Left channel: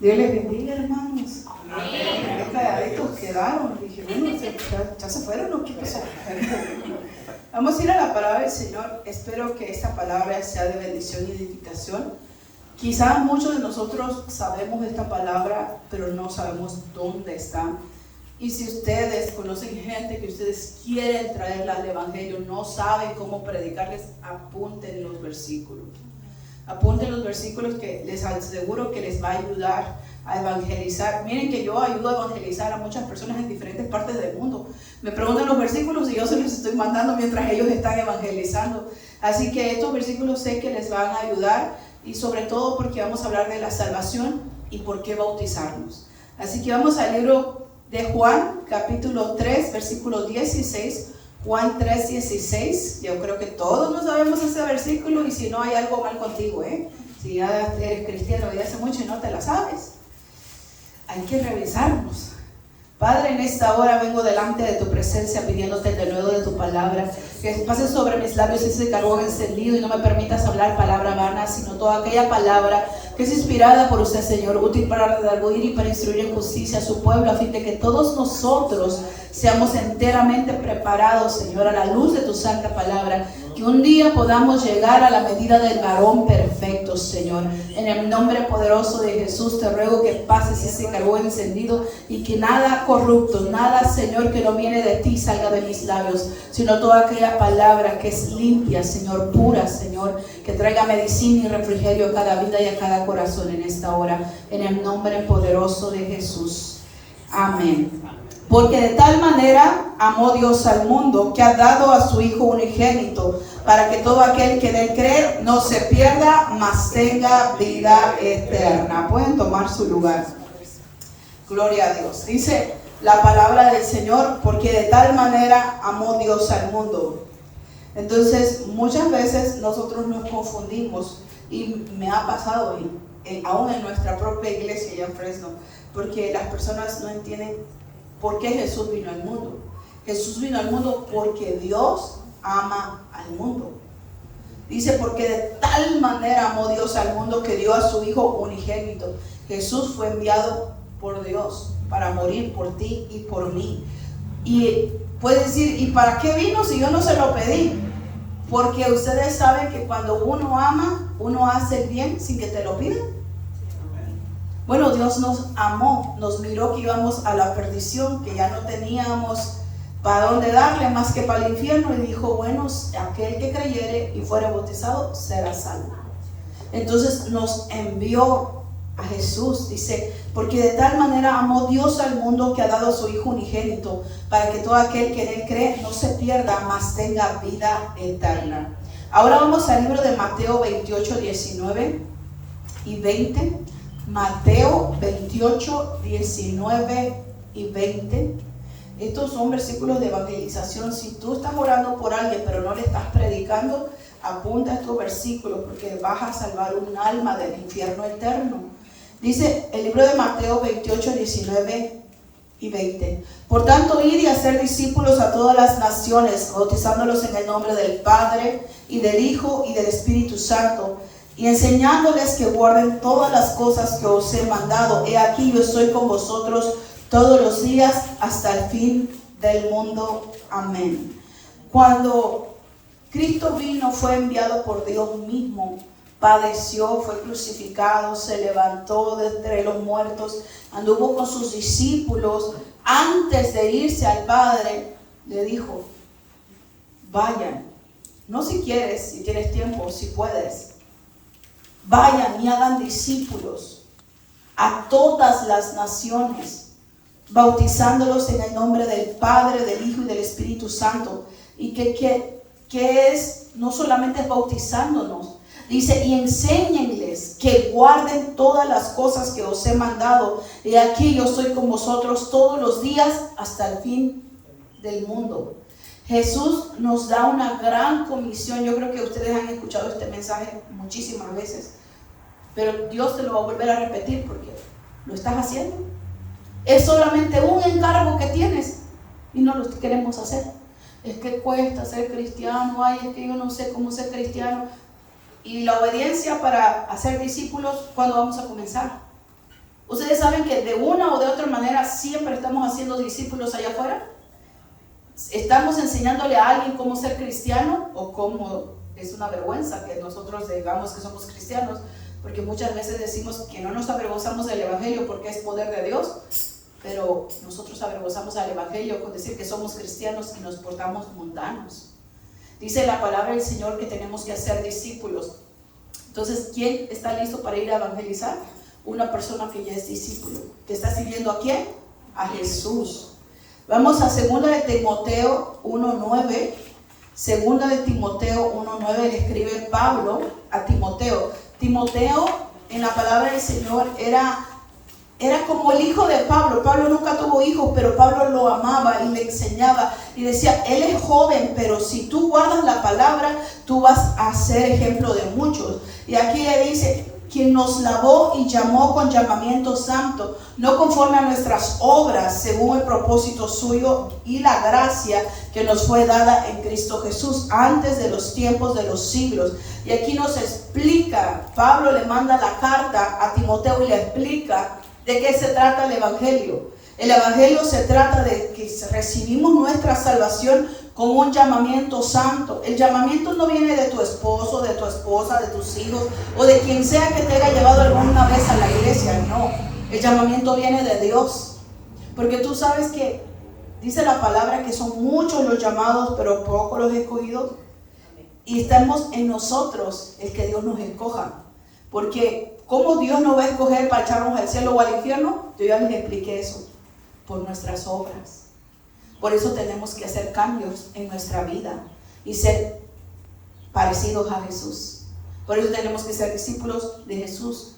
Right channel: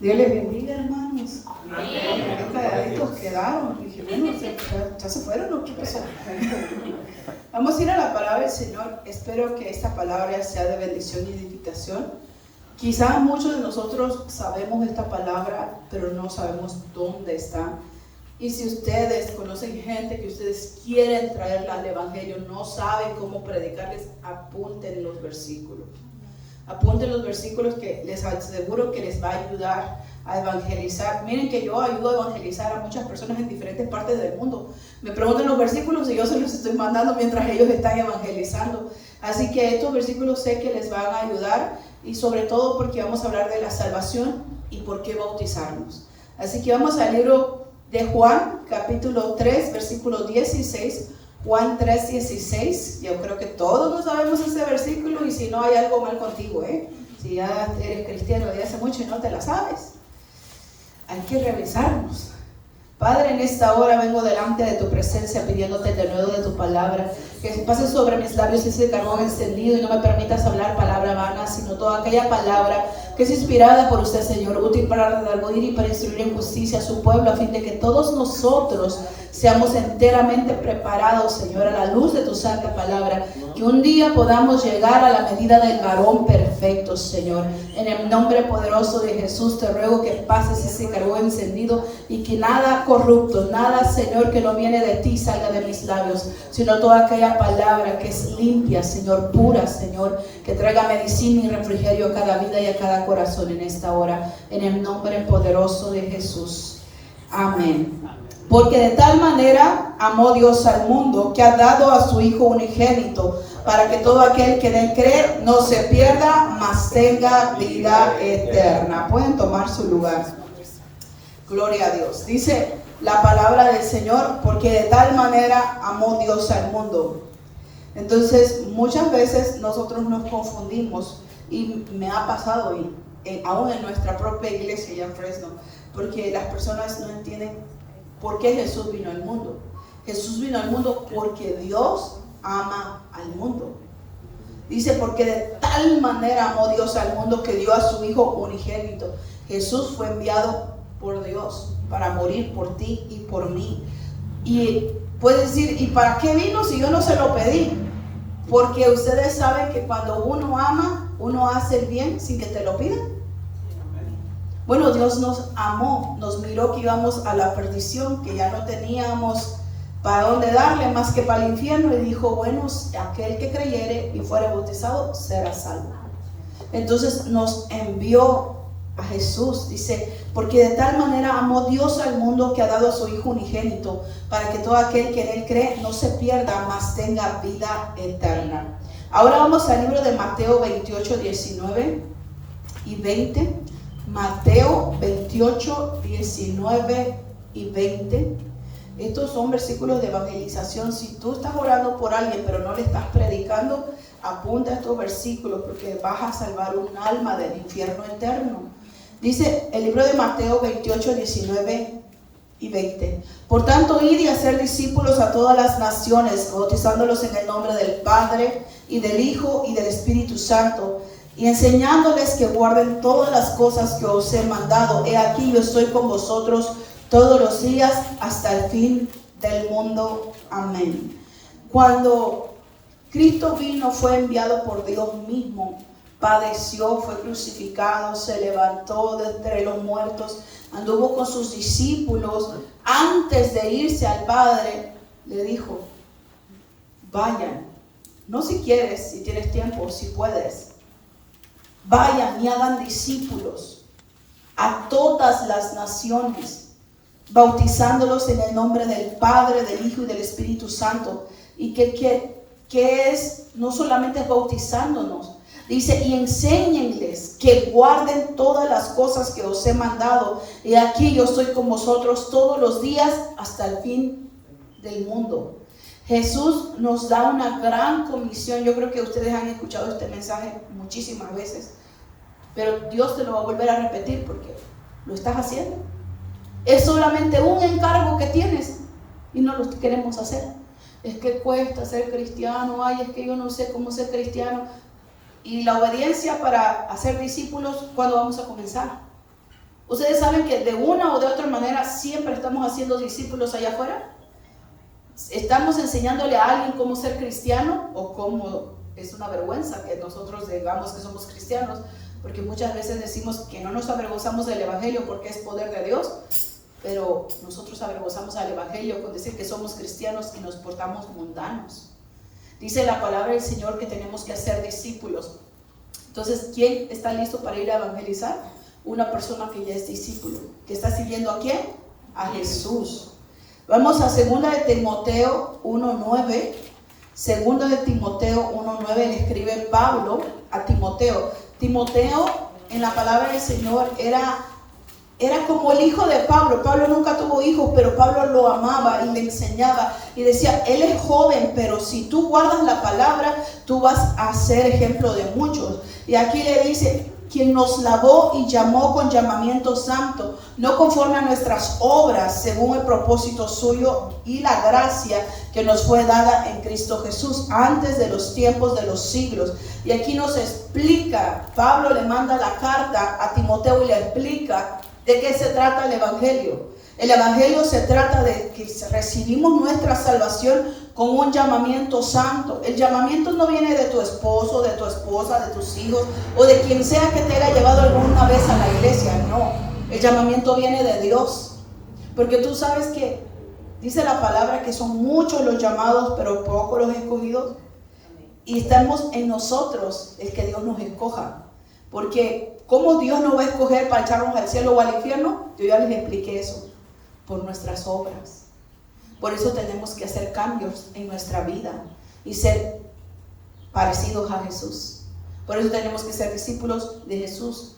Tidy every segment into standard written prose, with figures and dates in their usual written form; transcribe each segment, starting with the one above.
Dios les bendiga, hermanos. Amén. Calladitos quedaron. Dije, bueno, ya se fueron o qué pasó. Vamos a ir a la palabra del Señor. Espero que esta palabra sea de bendición y edificación. Quizás muchos de nosotros sabemos esta palabra, pero no sabemos dónde está. Y si ustedes conocen gente que ustedes quieren traerla al Evangelio, no saben cómo predicarles, apunten los versículos. Apunten los versículos que les aseguro que les va a ayudar a evangelizar. Miren que yo ayudo a evangelizar a muchas personas en diferentes partes del mundo. Me preguntan los versículos y yo se los estoy mandando mientras ellos están evangelizando. Así que estos versículos sé que les van a ayudar, y sobre todo porque vamos a hablar de la salvación y por qué bautizarnos. Así que vamos al libro de Juan, capítulo 3, versículo 16. Juan 3, 16. Yo creo que todos no sabemos ese versículo, y si no, hay algo mal contigo, Si ya eres cristiano desde hace mucho y no te la sabes, hay que revisarnos. Padre, en esta hora vengo delante de tu presencia pidiéndote de nuevo de tu palabra, que pases sobre mis labios ese carbón encendido y no me permitas hablar palabra vana, sino toda aquella palabra que es inspirada por usted, Señor, útil para redarguir y para instruir en justicia a su pueblo, a fin de que todos nosotros seamos enteramente preparados, Señor, a la luz de tu santa palabra, que un día podamos llegar a la medida del varón perfecto, Señor. En el nombre poderoso de Jesús te ruego que pases ese carbón encendido y que nada corrupto, nada, Señor, que no viene de ti salga de mis labios, sino toda aquella palabra que es limpia, Señor, pura, Señor, que traiga medicina y refrigerio a cada vida y a cada corazón en esta hora, en el nombre poderoso de Jesús. Amén. Porque de tal manera amó Dios al mundo, que ha dado a su Hijo unigénito, para que todo aquel que en él cree no se pierda, mas tenga vida eterna. Pueden tomar su lugar. Gloria a Dios. Dice la palabra del Señor, porque de tal manera amó Dios al mundo. Entonces, muchas veces nosotros nos confundimos, y me ha pasado aún en nuestra propia iglesia ya en Fresno, porque las personas no entienden por qué Jesús vino al mundo. Jesús vino al mundo porque Dios ama al mundo. Dice, porque de tal manera amó Dios al mundo que dio a su Hijo unigénito. Jesús fue enviado por Dios para morir por ti y por mí. Y puedes decir, ¿y para qué vino si yo no se lo pedí? Porque ustedes saben que cuando uno ama, uno hace el bien sin que te lo pidan. Bueno, Dios nos amó, nos miró que íbamos a la perdición, que ya no teníamos para dónde darle más que para el infierno, y dijo, bueno, aquel que creyere y fuere bautizado será salvo. Entonces nos envió a Jesús, dice, porque de tal manera amó Dios al mundo que ha dado a su Hijo unigénito, para que todo aquel que en él cree no se pierda, mas tenga vida eterna. Ahora vamos al libro de Mateo 28, 19 y 20. Mateo 28, 19 y 20. Estos son versículos de evangelización. Si tú estás orando por alguien pero no le estás predicando, apunta estos versículos, porque vas a salvar un alma del infierno eterno. Dice el libro de Mateo 28, 19 y 20. Por tanto, id y hacer discípulos a todas las naciones, bautizándolos en el nombre del Padre y del Hijo y del Espíritu Santo, y enseñándoles que guarden todas las cosas que os he mandado. He aquí, yo estoy con vosotros todos los días hasta el fin del mundo. Amén. Cuando Cristo vino, fue enviado por Dios mismo, padeció, fue crucificado, se levantó de entre los muertos, anduvo con sus discípulos. Antes de irse al Padre, le dijo, vayan, no si quieres, si tienes tiempo, si puedes, vayan y hagan discípulos a todas las naciones, bautizándolos en el nombre del Padre, del Hijo y del Espíritu Santo. Y que es, no solamente bautizándonos, dice, y enséñenles que guarden todas las cosas que os he mandado. Y aquí yo estoy con vosotros todos los días hasta el fin del mundo. Jesús nos da una gran comisión. Yo creo que ustedes han escuchado este mensaje muchísimas veces, pero Dios te lo va a volver a repetir porque lo estás haciendo. Es solamente un encargo que tienes y no lo queremos hacer. Es que cuesta ser cristiano, ay, es que yo no sé cómo ser cristiano. Y la obediencia para hacer discípulos, ¿cuándo vamos a comenzar? Ustedes saben que de una o de otra manera siempre estamos haciendo discípulos allá afuera. Estamos enseñándole a alguien cómo ser cristiano, o cómo es una vergüenza que nosotros digamos que somos cristianos, porque muchas veces decimos que no nos avergonzamos del evangelio porque es poder de Dios, pero nosotros avergonzamos al evangelio con decir que somos cristianos y nos portamos mundanos. Dice la palabra del Señor que tenemos que hacer discípulos. Entonces, ¿quién está listo para ir a evangelizar? Una persona que ya es discípulo, que está siguiendo ¿a quién? A Jesús. Vamos a 2 de Timoteo 1:9. 2 de Timoteo 1:9 le escribe Pablo a Timoteo. Timoteo, en la palabra del Señor, era como el hijo de Pablo. Pablo nunca tuvo hijos, pero Pablo lo amaba y le enseñaba y decía, él es joven, pero si tú guardas la palabra, tú vas a ser ejemplo de muchos. Y aquí le dice, quien nos lavó y llamó con llamamiento santo, no conforme a nuestras obras, según el propósito suyo y la gracia que nos fue dada en Cristo Jesús, antes de los tiempos de los siglos. Y aquí nos explica, Pablo le manda la carta a Timoteo y le explica de qué se trata el evangelio. El evangelio se trata de que recibimos nuestra salvación con un llamamiento santo. El llamamiento no viene de tu esposo, de tu esposa, de tus hijos o de quien sea que te haya llevado alguna vez a la iglesia. No, el llamamiento viene de Dios. Porque tú sabes que dice la palabra que son muchos los llamados, pero pocos los escogidos. Y estamos en nosotros el que Dios nos escoja. Porque ¿cómo Dios nos va a escoger para echarnos al cielo o al infierno? Yo ya les expliqué eso. Por nuestras obras. Por eso tenemos que hacer cambios en nuestra vida y ser parecidos a Jesús. Por eso tenemos que ser discípulos de Jesús.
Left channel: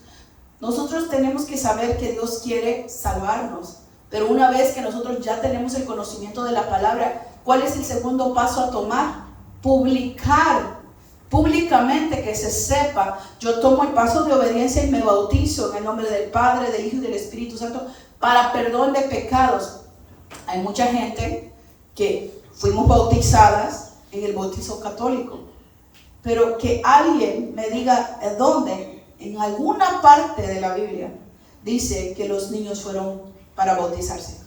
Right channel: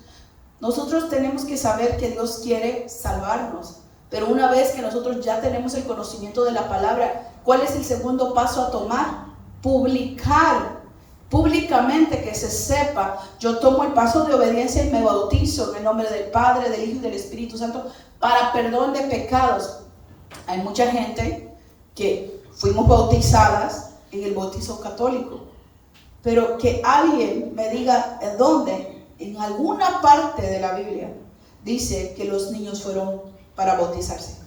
Nosotros tenemos que saber que Dios quiere salvarnos, pero una vez que nosotros ya tenemos el conocimiento de la palabra, ¿cuál es el segundo paso a tomar? Publicar públicamente, que se sepa. Yo tomo el paso de obediencia y me bautizo en el nombre del Padre, del Hijo y del Espíritu Santo para perdón de pecados. Hay mucha gente que fuimos bautizadas en el bautizo católico, pero que alguien me diga dónde, en alguna parte de la Biblia dice que los niños fueron para bautizarse.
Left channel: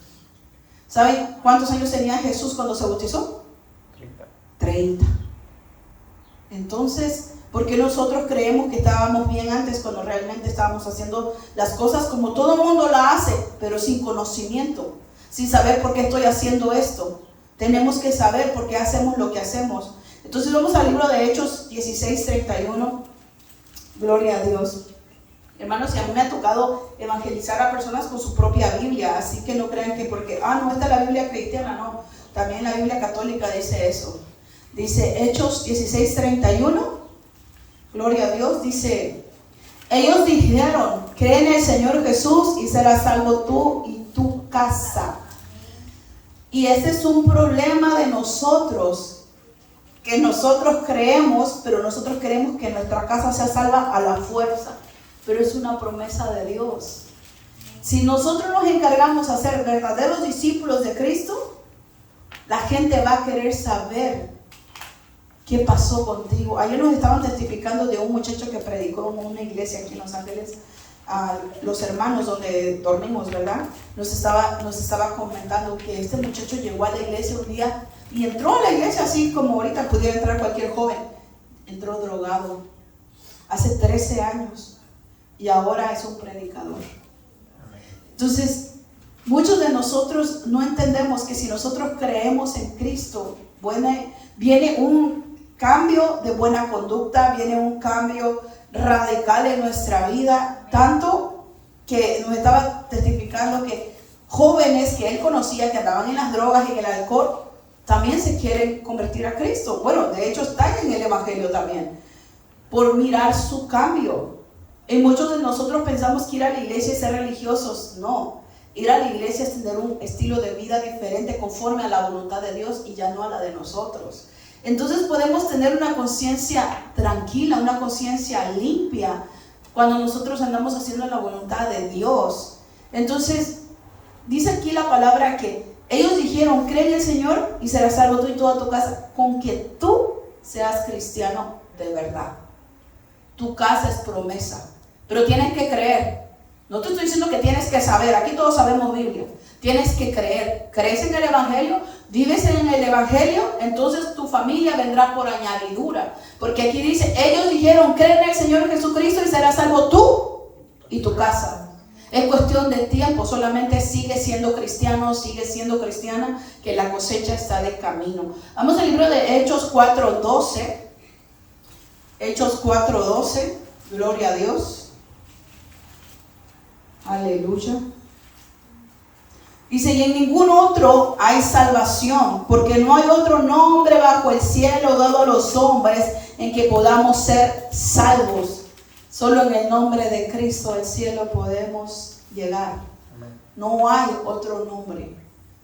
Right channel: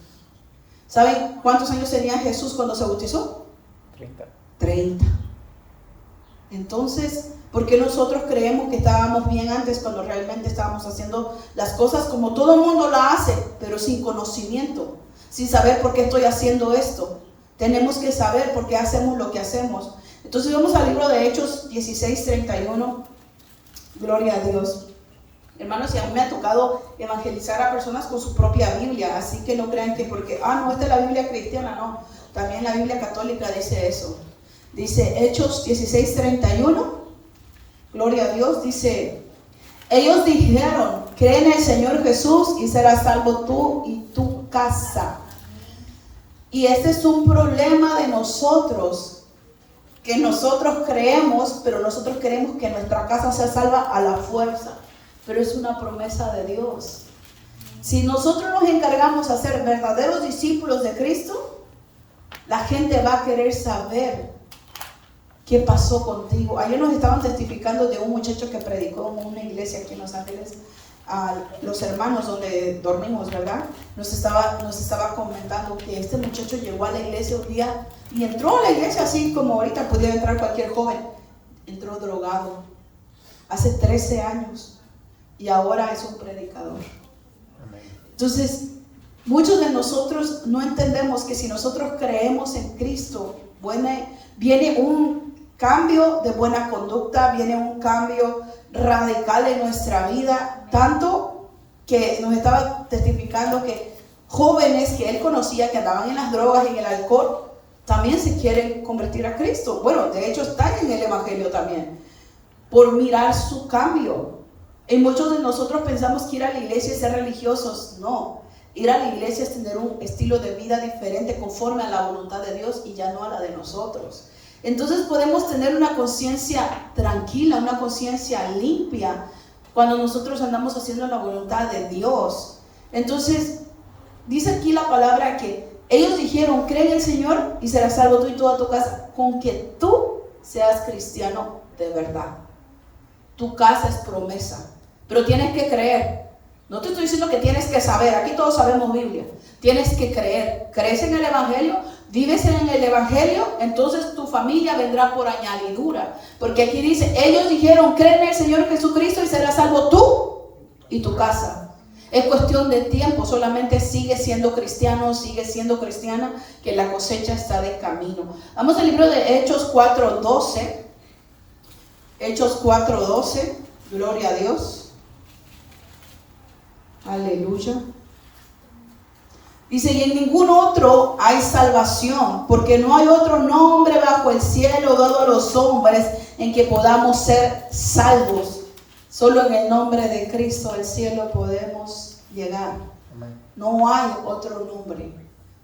¿Saben cuántos años tenía Jesús cuando se bautizó? 30. Entonces, ¿por qué nosotros creemos que estábamos bien antes cuando realmente estábamos haciendo las cosas como todo el mundo la hace, pero sin conocimiento, sin saber por qué estoy haciendo esto? Tenemos que saber por qué hacemos lo que hacemos. Entonces vamos al libro de Hechos 16:31. Gloria a Dios. Hermanos, y a mí me ha tocado evangelizar a personas con su propia Biblia, así que no crean que porque, no, esta es la Biblia cristiana, no. También la Biblia católica dice eso. Dice Hechos 16:31. Gloria a Dios. Dice, ellos dijeron, cree en el Señor Jesús y serás salvo tú y tu casa. Y este es un problema de nosotros, que nosotros creemos, pero nosotros queremos que nuestra casa sea salva a la fuerza. Pero es una promesa de Dios. Si nosotros nos encargamos de ser verdaderos discípulos de Cristo, la gente va a querer saber qué pasó contigo. Ayer nos estaban testificando de un muchacho que predicó en una iglesia aquí en Los Ángeles, a los hermanos donde dormimos, ¿verdad? Nos estaba comentando que este muchacho llegó a la iglesia un día y entró a la iglesia así como ahorita pudiera entrar cualquier joven. Entró drogado hace 13 años y ahora es un predicador. Entonces, muchos de nosotros no entendemos que si nosotros creemos en Cristo, viene un cambio de buena conducta, viene un cambio radical en nuestra vida, tanto que nos estaba testificando que jóvenes que él conocía que andaban en las drogas y en el alcohol también se quieren convertir a Cristo. Bueno, de hecho están en el evangelio también, por mirar su cambio. Y muchos de nosotros pensamos que ir a la iglesia es ser religiosos. No, ir a la iglesia es tener un estilo de vida diferente conforme a la voluntad de Dios y ya no a la de nosotros. Entonces podemos tener una conciencia tranquila, una conciencia limpia cuando nosotros andamos haciendo la voluntad de Dios. Entonces dice aquí la palabra que ellos dijeron, cree en el Señor y serás salvo tú y toda tu casa, con que tú seas cristiano de verdad. Tu casa es promesa, pero tienes que creer. No te estoy diciendo que tienes que saber, aquí todos sabemos Biblia. Tienes que creer. ¿Crees en el Evangelio? ¿Vives en el Evangelio? Entonces tu familia vendrá por añadidura. Porque aquí dice, ellos dijeron, cree en el Señor Jesucristo y serás salvo tú y tu casa. Es cuestión de tiempo, solamente sigue siendo cristiano, sigue siendo cristiana, que la cosecha está de camino. Vamos al libro de Hechos 4:12. Hechos 4:12, gloria a Dios. Aleluya. Dice, y en ningún otro hay salvación, porque no hay otro nombre bajo el cielo dado a los hombres en que podamos ser salvos. Solo en el nombre de Cristo al cielo podemos llegar. No hay otro nombre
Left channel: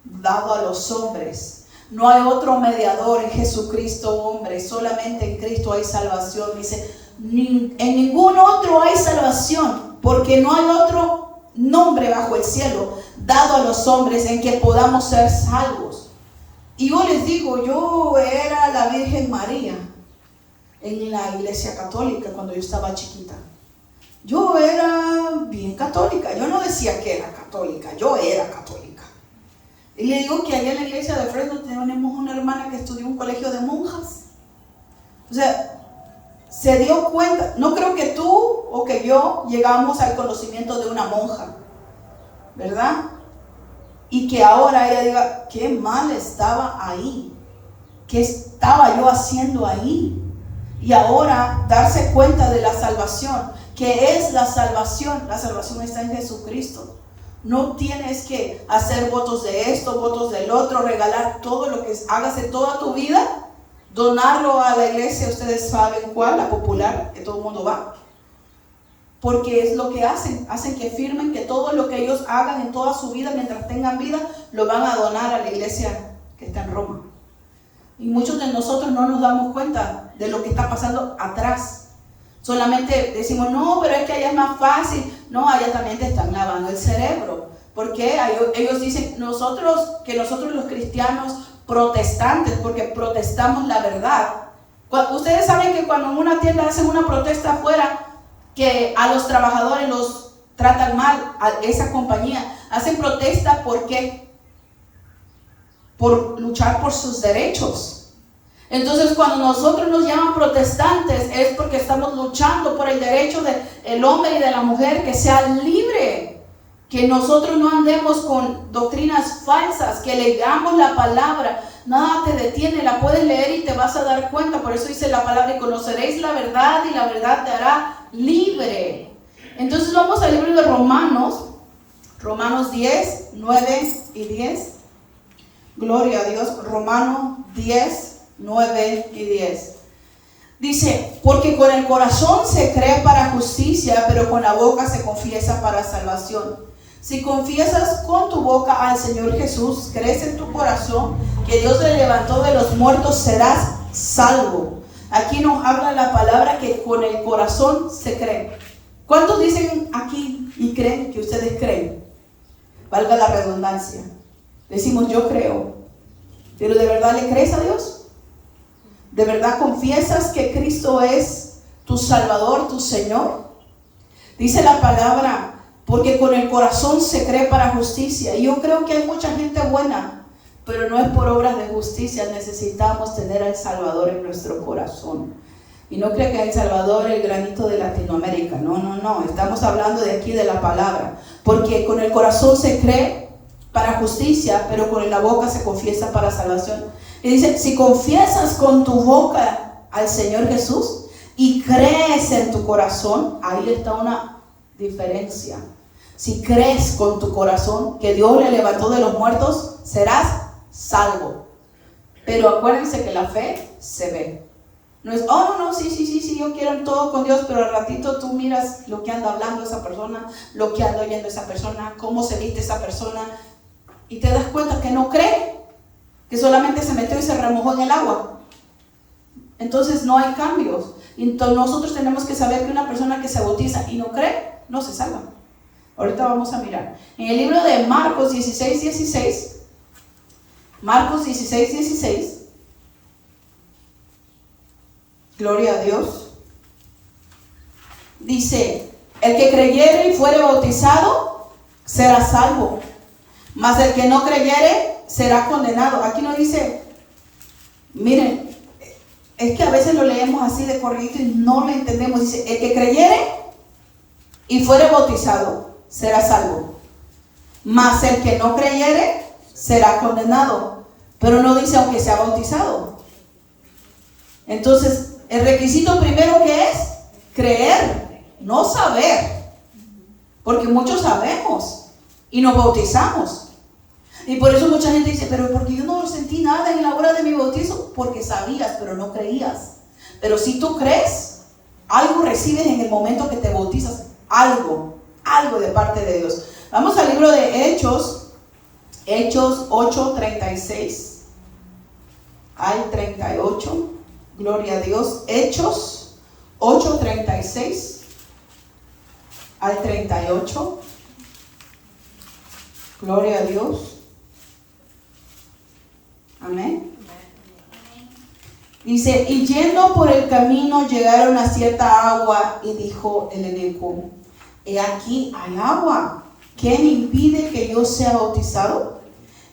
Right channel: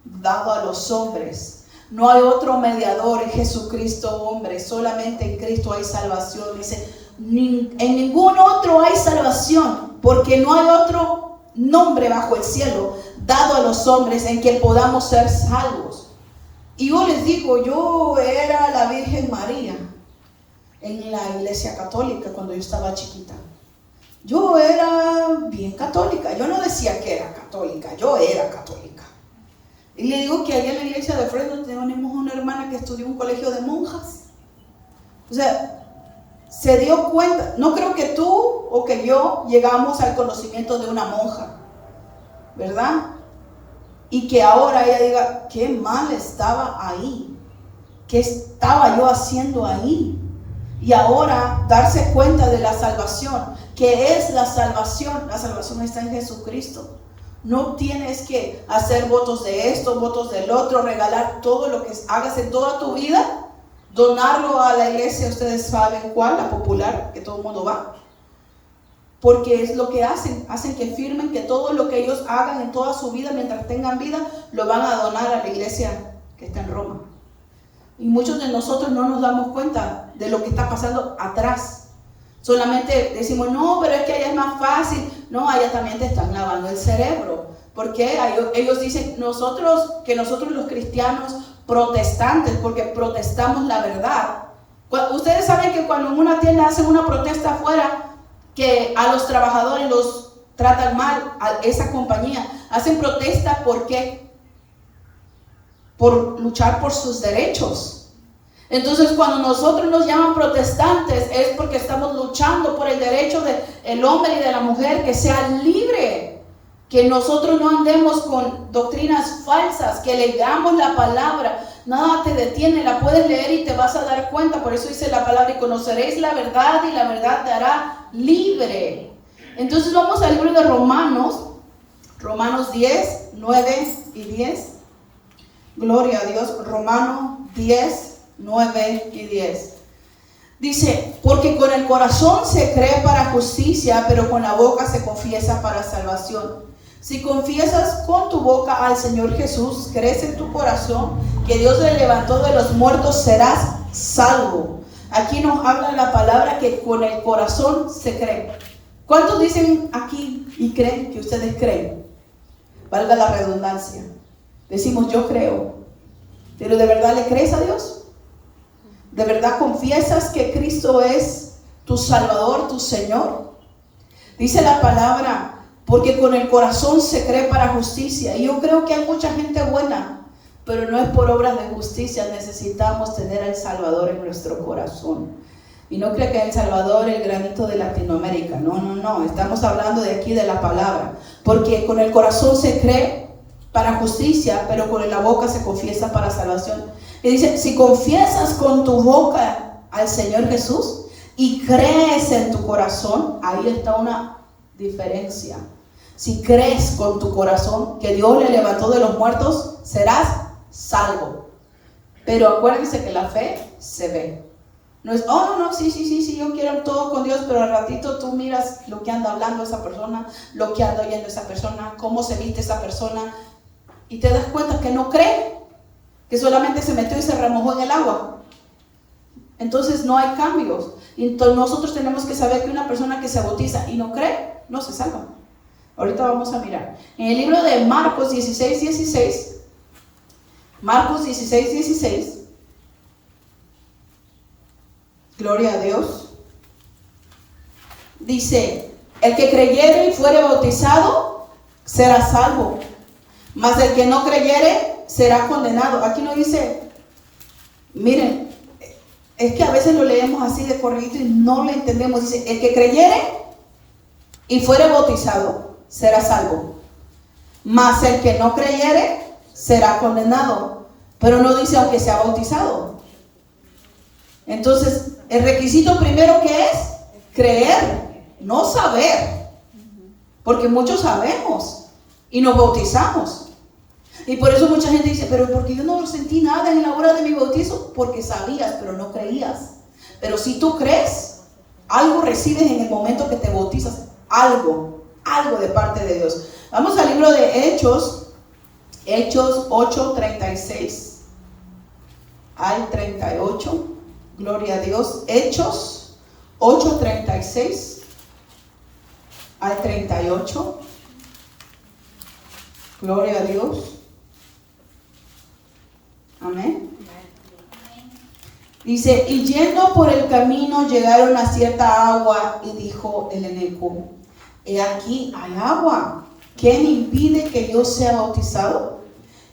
dado a los hombres. No hay otro mediador en Jesucristo, hombre. Solamente en Cristo hay salvación. Dice, en ningún otro hay salvación, porque no hay otro nombre bajo el cielo dado a los hombres en que podamos ser salvos. Y yo les digo, yo era la Virgen María en la iglesia católica cuando yo estaba chiquita. Yo era bien católica. Yo no decía que era católica, yo era católica. Y le digo que allá en la iglesia de Fresno tenemos una hermana que estudió en un colegio de monjas. O sea, se dio cuenta. No creo que tú o que yo llegamos al conocimiento de una monja, ¿verdad? Y que ahora ella diga, qué mal estaba ahí, qué estaba yo haciendo ahí. Y ahora darse cuenta de la salvación. ¿Qué es la salvación? La salvación está en Jesucristo. No tienes que hacer votos de esto, votos del otro, regalar todo lo que hagas en toda tu vida, donarlo a la iglesia. Ustedes saben cuál, la popular, que todo el mundo va. Porque es lo que hacen que firmen que todo lo que ellos hagan en toda su vida, mientras tengan vida, lo van a donar a la iglesia que está en Roma. Y muchos de nosotros no nos damos cuenta de lo que está pasando atrás. Solamente decimos, no, pero es que allá es más fácil. No, allá también te están lavando el cerebro. Porque ellos dicen, nosotros los cristianos protestantes, porque protestamos la verdad. Ustedes saben que cuando en una tienda hacen una protesta afuera, que a los trabajadores los tratan mal, a esa compañía, hacen protesta, ¿por qué? Por luchar por sus derechos. Entonces, cuando nosotros nos llaman protestantes, es porque estamos luchando por el derecho del hombre y de la mujer que sea libre, que nosotros no andemos con doctrinas falsas, que leamos la palabra. Nada te detiene, la puedes leer y te vas a dar cuenta. Por eso dice la palabra, y conoceréis la verdad y la verdad te hará libre. Entonces vamos al libro de Romanos 10, 9 y 10. Gloria a Dios. Romanos 10, 9 y 10. Dice, porque con el corazón se cree para justicia, pero con la boca se confiesa para salvación. Si confiesas con tu boca al Señor Jesús, crees en tu corazón que Dios le levantó de los muertos, serás salvo. Aquí nos habla la palabra que con el corazón se cree. ¿Cuántos dicen aquí y creen que ustedes creen? Valga la redundancia. Decimos, yo creo. ¿Pero de verdad le crees a Dios? ¿De verdad confiesas que Cristo es tu Salvador, tu Señor? Dice la palabra, porque con el corazón se cree para justicia. Y yo creo que hay mucha gente buena, pero no es por obras de justicia. Necesitamos tener al Salvador en nuestro corazón. Y no creo que hay Salvador el granito de Latinoamérica. No. Estamos hablando de aquí, de la palabra. Porque con el corazón se cree para justicia, pero con la boca se confiesa para salvación. Y dice, si confiesas con tu boca al Señor Jesús y crees en tu corazón, ahí está una diferencia. Si crees con tu corazón que Dios le levantó de los muertos, serás salvo. Pero acuérdense que la fe se ve. No es, sí, yo quiero todo con Dios, pero al ratito tú miras lo que anda hablando esa persona, lo que anda oyendo esa persona, cómo se viste esa persona, y te das cuenta que no cree, que solamente se metió y se remojó en el agua. Entonces no hay cambios. Y entonces nosotros tenemos que saber que una persona que se bautiza y no cree, no se salva. Ahorita vamos a mirar. En el libro de Marcos 16:16, Marcos 16:16, gloria a Dios, dice, El que creyere y fuere bautizado será salvo, mas el que no creyere será condenado. Aquí no dice, miren, es que a veces lo leemos así de corrido y no lo entendemos. Dice, el que creyere y fuere bautizado será salvo, mas el que no creyere será condenado. Pero no dice aunque sea bautizado. Entonces, el requisito primero que es creer, no saber, porque muchos sabemos y nos bautizamos. Y por eso mucha gente dice, pero porque yo no sentí nada en la hora de mi bautizo, porque sabías, pero no creías. Pero si tú crees, algo recibes en el momento que te bautizas, algo de parte de Dios. Vamos al libro de Hechos 8:36 al 38. Gloria a Dios. Hechos 8:36 al 38. Gloria a Dios. Amén. Dice, y yendo por el camino llegaron a cierta agua, y dijo el eunuco, he aquí hay agua, ¿qué me impide que yo sea bautizado?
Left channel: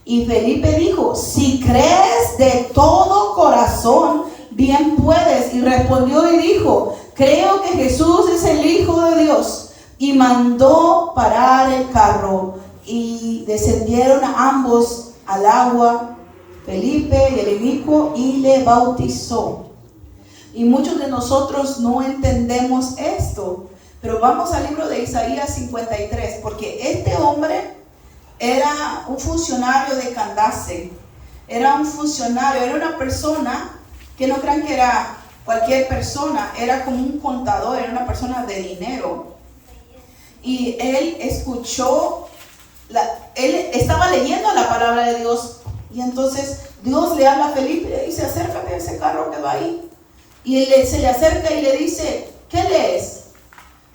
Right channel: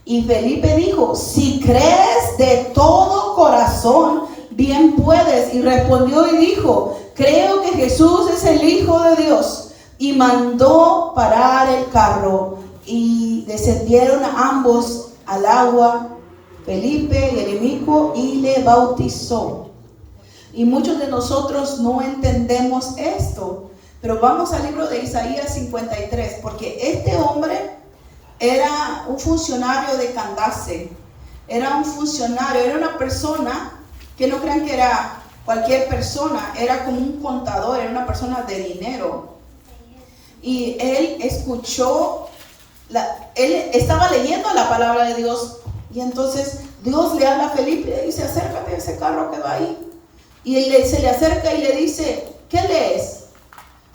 Y Felipe dijo, si crees de todo corazón, bien puedes. Y respondió y dijo, creo que Jesús es el Hijo de Dios. Y mandó parar el carro, y descendieron ambos al agua, Felipe y el eunuco, y le bautizó. Y muchos de nosotros no entendemos esto, pero vamos al libro de Isaías 53, porque este hombre era un funcionario de Candace, era un funcionario, era una persona que no crean que era cualquier persona, era como un contador, era una persona de dinero. Y él escuchó, él estaba leyendo la palabra de Dios, y entonces Dios le habla a Felipe y le dice, acércate a ese carro que va ahí. Y él se le acerca y le dice, ¿qué lees?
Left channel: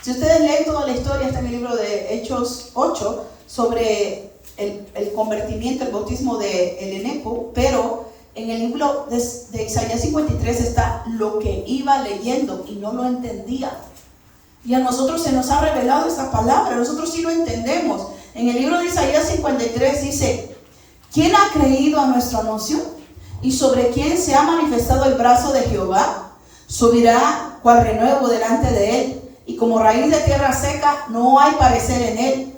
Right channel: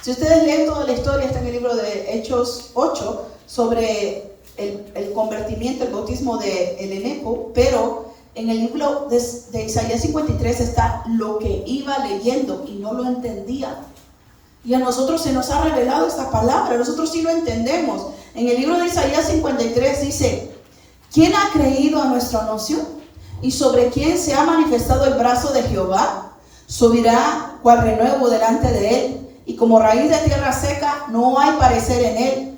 Si ustedes leen toda la historia, está en el libro de Hechos 8, sobre el convertimiento, el bautismo de el eunuco, pero en el libro de Isaías 53 está lo que iba leyendo y no lo entendía. Y a nosotros se nos ha revelado esta palabra, nosotros sí lo entendemos. En el libro de Isaías 53 dice, ¿quién ha creído a nuestro anuncio? ¿Y sobre quién se ha manifestado el brazo de Jehová? Subirá cual renuevo delante de él, y como raíz de tierra seca no hay parecer en él,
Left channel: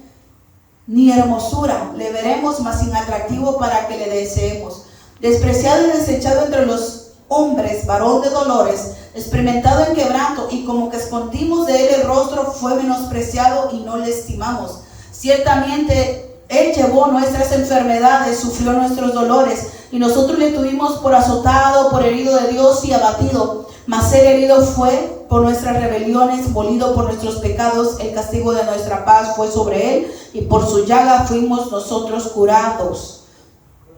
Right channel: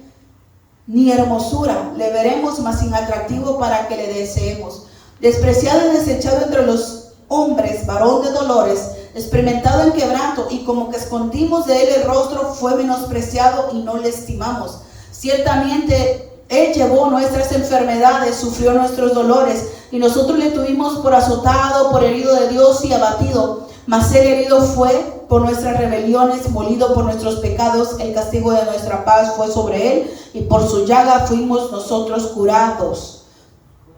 ni hermosura le veremos, mas sin atractivo para que le deseemos. Despreciado y desechado entre los hombres, varón de dolores, experimentado en quebranto, y como que escondimos de él el rostro, fue menospreciado y no le estimamos. Ciertamente él llevó nuestras enfermedades, sufrió nuestros dolores, y nosotros le tuvimos por azotado, por herido de Dios y abatido. Mas él herido fue por nuestras rebeliones, molido por nuestros pecados, el castigo de nuestra paz fue sobre él, y por su llaga fuimos nosotros curados.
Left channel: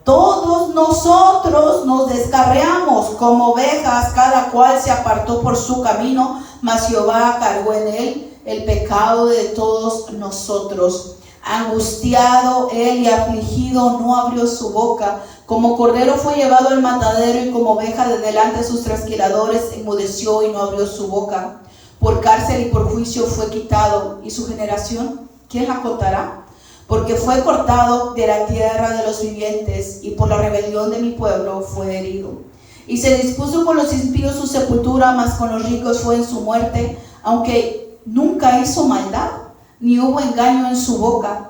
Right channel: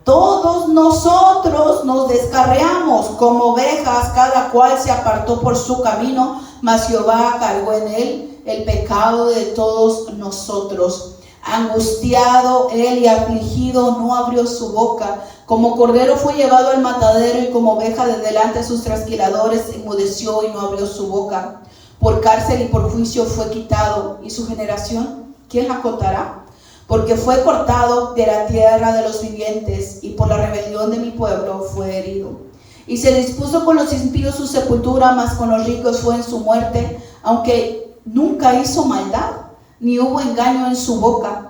Todos nosotros nos descarriamos como ovejas, cada cual se apartó por su camino, mas Jehová cargó en él el pecado de todos nosotros. Angustiado él y afligido, no abrió su boca. Como cordero fue llevado al matadero, y como oveja de delante de sus trasquiladores enmudeció y no abrió su boca. Por cárcel y por juicio fue quitado, y su generación, ¿quién la contará? Porque fue cortado de la tierra de los vivientes, y por la rebelión de mi pueblo fue herido. Y se dispuso con los impíos su sepultura, mas con los ricos fue en su muerte, aunque nunca hizo maldad, ni hubo engaño en su boca.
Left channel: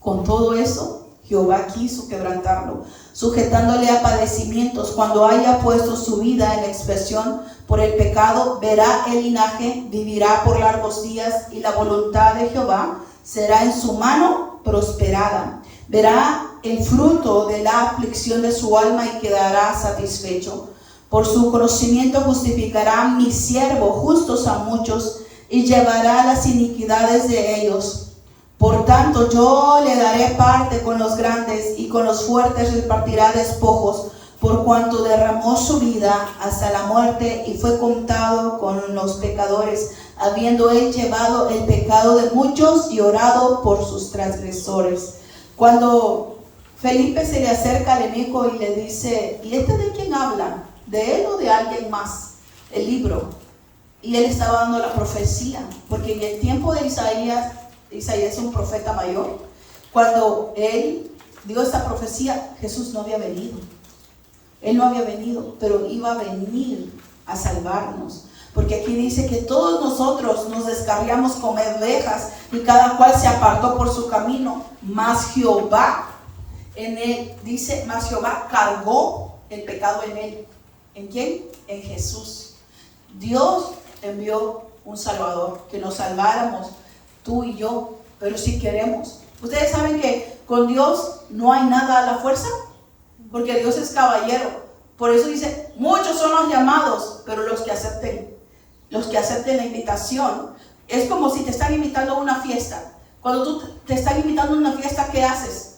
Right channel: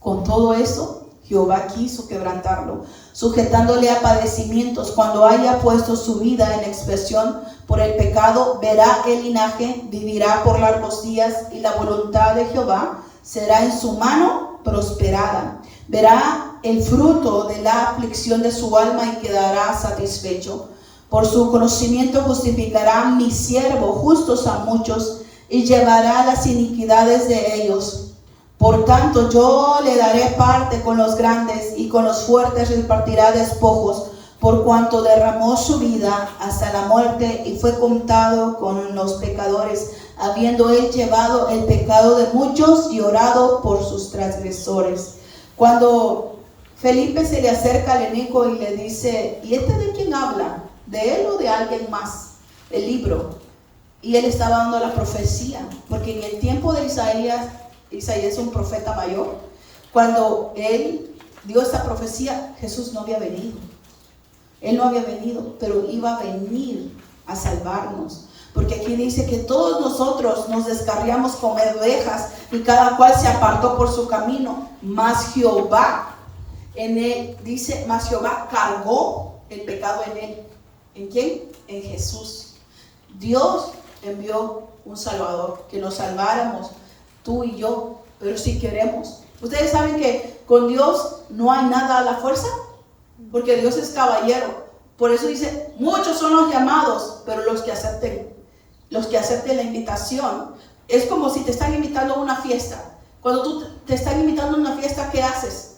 Con todo eso, Jehová quiso quebrantarlo, sujetándole a padecimientos. Cuando haya puesto su vida en expiación por el pecado, verá el linaje, vivirá por largos días, y la voluntad de Jehová será en su mano prosperada. Verá el fruto de la aflicción de su alma y quedará satisfecho. Por su conocimiento justificará mi siervo justos a muchos, y llevará las iniquidades de ellos. Por tanto, yo le daré parte con los grandes, y con los fuertes repartirá despojos, por cuanto derramó su vida hasta la muerte y fue contado con los pecadores, habiendo él llevado el pecado de muchos y orado por sus transgresores. Cuando Felipe se le acerca al eunuco y le dice, ¿y este de quién habla? ¿De él o de alguien más? El libro. Y él estaba dando la profecía, porque en el tiempo de Isaías es un profeta mayor. Cuando él dio esta profecía, Jesús no había venido. Él no había venido, pero iba a venir a salvarnos. Porque aquí dice que todos nosotros nos descarriamos como ovejas y cada cual se apartó por su camino. Mas Jehová, en él, dice, mas Jehová cargó el pecado en él. ¿En quién? En Jesús. Dios envió un Salvador, que nos salváramos, tú y yo, pero si queremos. Ustedes saben que con Dios no hay nada a la fuerza, porque Dios es caballero. Por eso dice, muchos son los llamados, pero los que acepten la invitación. Es como si te están invitando a una fiesta. Cuando tú te están invitando a una fiesta, ¿qué haces?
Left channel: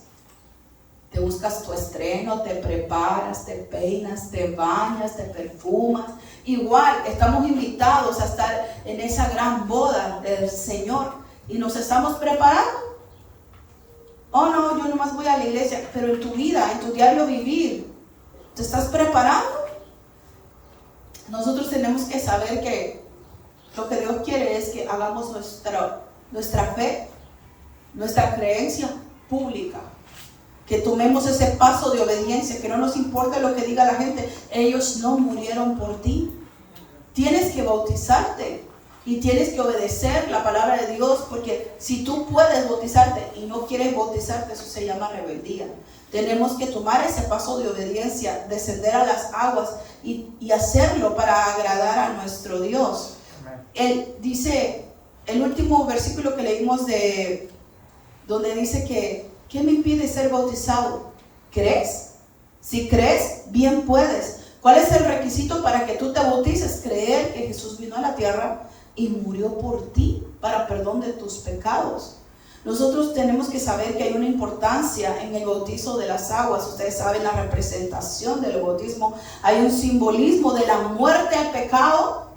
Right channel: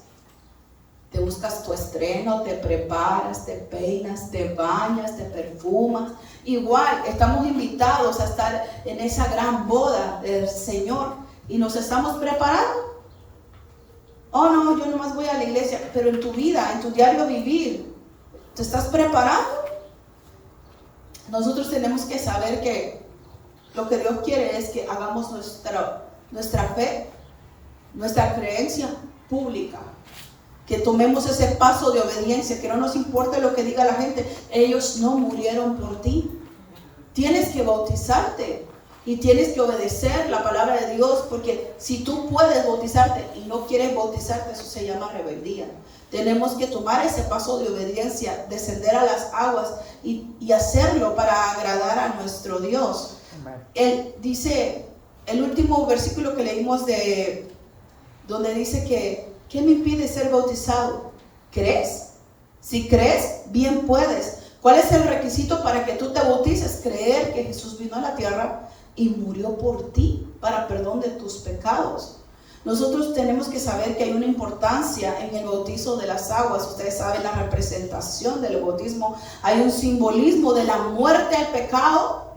Te buscas tu estreno, te preparas, te peinas, te bañas, te perfumas. Igual, estamos invitados a estar en esa gran boda del Señor y nos estamos preparando. Oh no, yo nomás voy a la iglesia, pero en tu vida, en tu diario vivir, ¿te estás preparando? Nosotros tenemos que saber que lo que Dios quiere es que hagamos nuestra fe, nuestra creencia pública. Que tomemos ese paso de obediencia, que no nos importe lo que diga la gente. Ellos no murieron por ti. Tienes que bautizarte y tienes que obedecer la palabra de Dios, porque si tú puedes bautizarte y no quieres bautizarte, eso se llama rebeldía. Tenemos que tomar ese paso de obediencia, descender a las aguas y hacerlo para agradar a nuestro Dios. Él dice, el último versículo que leímos donde dice que ¿qué me impide ser bautizado? ¿Crees? Si crees, bien puedes. ¿Cuál es el requisito para que tú te bautices? Creer que Jesús vino a la tierra y murió por ti para perdón de tus pecados. Nosotros tenemos que saber que hay una importancia en el bautizo de las aguas. Ustedes saben la representación del bautismo. Hay un simbolismo de la muerte al pecado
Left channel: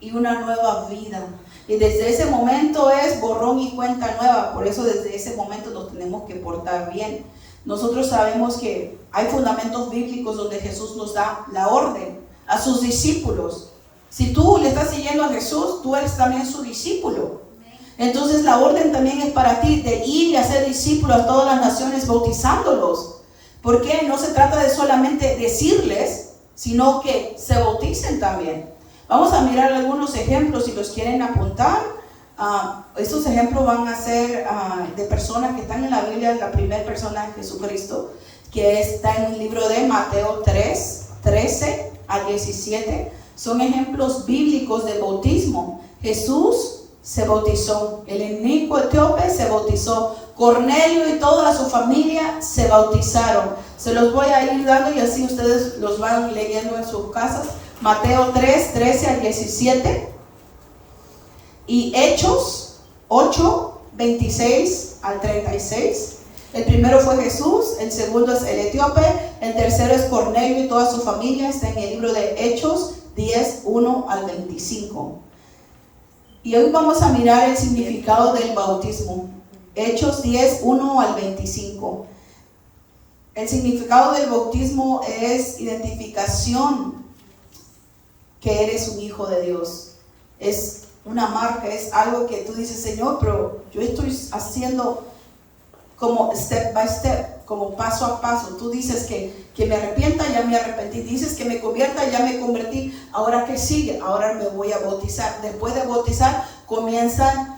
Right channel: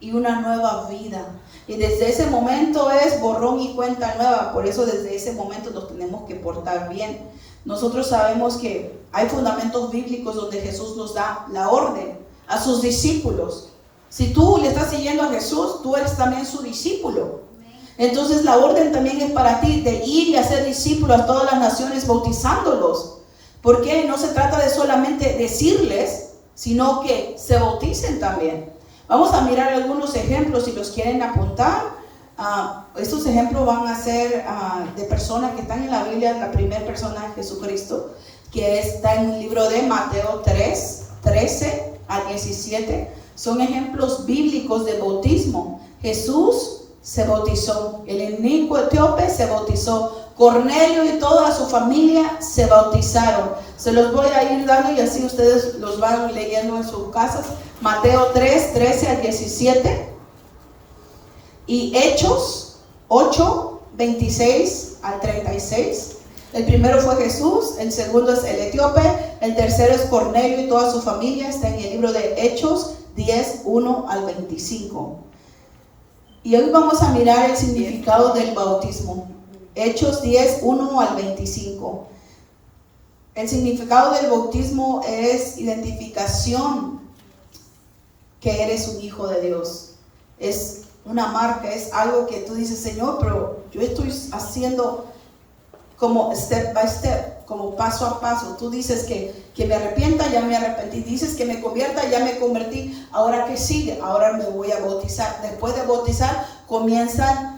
y una nueva vida. Y desde ese momento es borrón y cuenta nueva. Por eso desde ese momento nos tenemos que portar bien. Nosotros sabemos que hay fundamentos bíblicos donde Jesús nos da la orden a sus discípulos. Si tú le estás siguiendo a Jesús, tú eres también su discípulo. Entonces la orden también es para ti de ir y hacer discípulos a todas las naciones bautizándolos. Porque no se trata de solamente decirles, sino que se bauticen también. Vamos a mirar algunos ejemplos si los quieren apuntar. Estos ejemplos van a ser de personas que están en la Biblia. La primera persona es Jesucristo, que está en el libro de Mateo 3, 13 al 17. Son ejemplos bíblicos de bautismo. Jesús se bautizó, el inicuo etíope se bautizó, Cornelio y toda su familia se bautizaron. Se los voy a ir dando y así ustedes los van leyendo en sus casas. Mateo 3, 13 al 17 y Hechos 8, 26 al 36. El primero fue Jesús, el segundo es el etíope, el tercero es Cornelio y toda su familia. Está en el libro de Hechos 10, 1 al 25. Y hoy vamos a mirar el significado del bautismo. Hechos 10, 1 al 25. El significado del bautismo es identificación que eres un hijo de Dios. Es una marca, es algo que tú dices, Señor, pero yo estoy haciendo como step by step, como paso a paso. Tú dices que me arrepienta, ya me arrepentí. Dices que me convierta, ya me convertí. Ahora, ¿qué sigue? Ahora me voy a bautizar. Después de bautizar comienza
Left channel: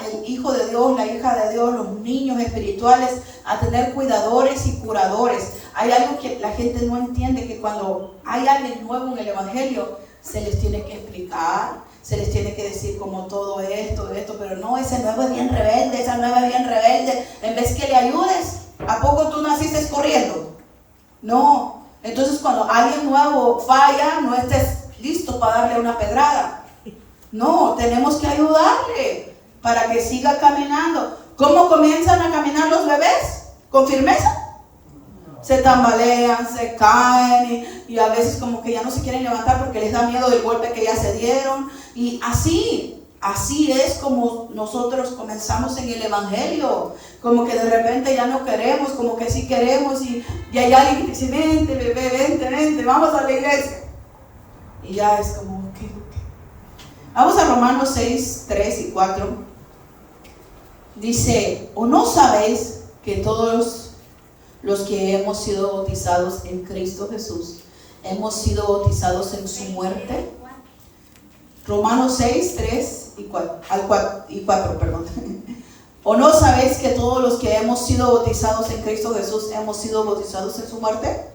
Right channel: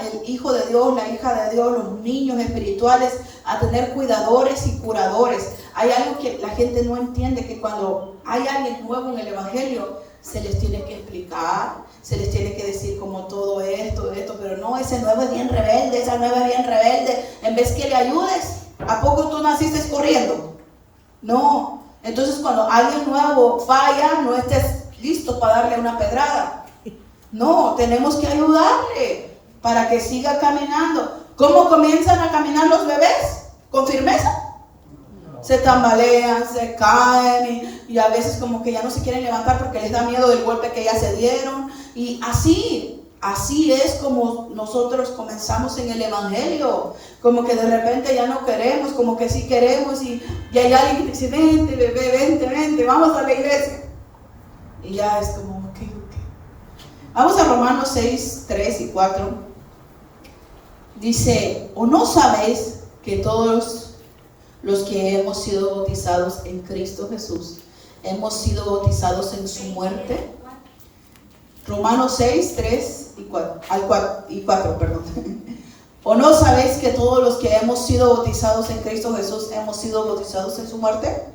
el hijo de Dios, la hija de Dios, los niños espirituales a tener cuidadores y curadores. Hay algo que la gente no entiende, que cuando hay alguien nuevo en el evangelio se les tiene que explicar, se les tiene que decir como todo esto, pero no, ese nuevo es bien rebelde, esa nueva es bien rebelde. En vez que le ayudes, ¿a poco tú naciste corriendo? No. Entonces cuando alguien nuevo falla, no estés listo para darle una pedrada. No, tenemos que ayudarle para que siga caminando. ¿Cómo comienzan a caminar los bebés? ¿Con firmeza? Se tambalean, se caen y a veces como que ya no se quieren levantar porque les da miedo del golpe que ya se dieron. Y así es como nosotros comenzamos en el evangelio. Como que de repente ya no queremos, como que sí queremos y hay alguien que dice, vente bebé, vente, vamos a la iglesia. Y ya es como, ok. Vamos a Romanos 6, 3 y 4. Dice, ¿o no sabéis que todos los que hemos sido bautizados en Cristo Jesús, hemos sido bautizados en su muerte? Romanos 6, 3 y 4, perdón. ¿O no sabéis que todos los que hemos sido bautizados en Cristo Jesús, hemos sido bautizados en su muerte?